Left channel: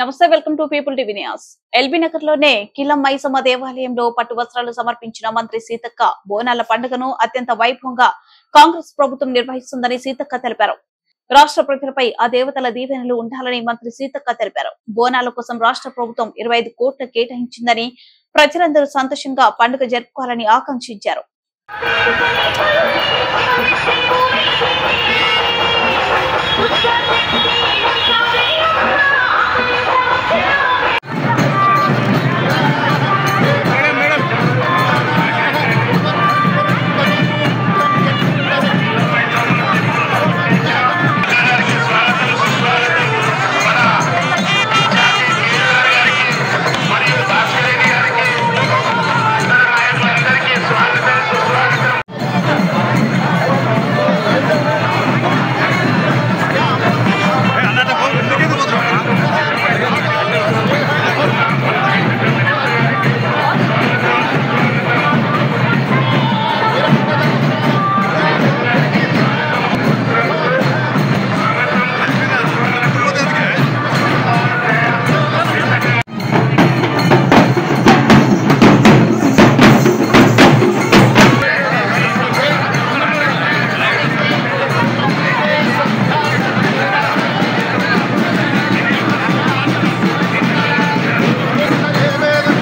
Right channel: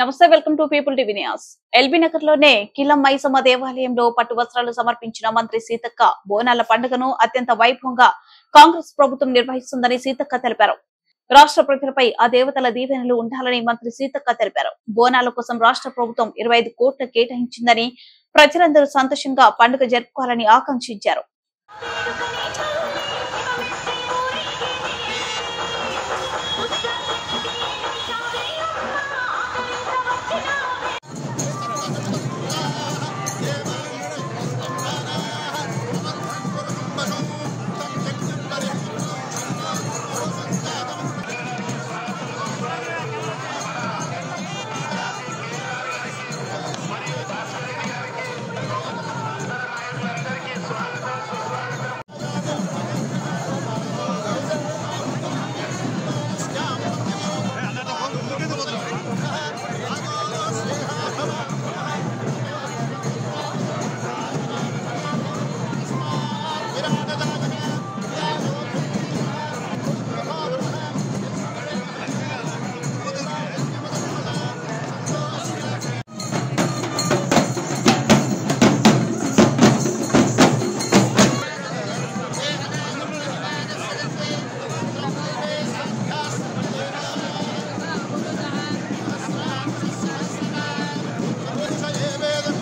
నమస్తే, welcome to people TV news. LB Nagar లోనే కిలం మైసమ్మ దేవాలయంలో పట్టు వస్త్రాలు సమర్పించిన మంత్రి సీతక్క బోనాల పండుగను అత్యంత వైభవంగా కాంగ్రెస్ ప్రభుత్వం నిర్వహిస్తుందని సీతక్క తెలిపారు. రాష్ట్ర ప్రజలపై ఆ దేవతల దీవెనలు ఉండాలని మంత్రి సీతక్క తెలిపారు. బోనాల కోసం రాష్ట్ర ప్రభుత్వం 25 కోట్లు కేటాయించిందని ప్రజలందరూ సంతోషంగా పండుగ జరుపుకోవాలని ఆకాంక్షించారు.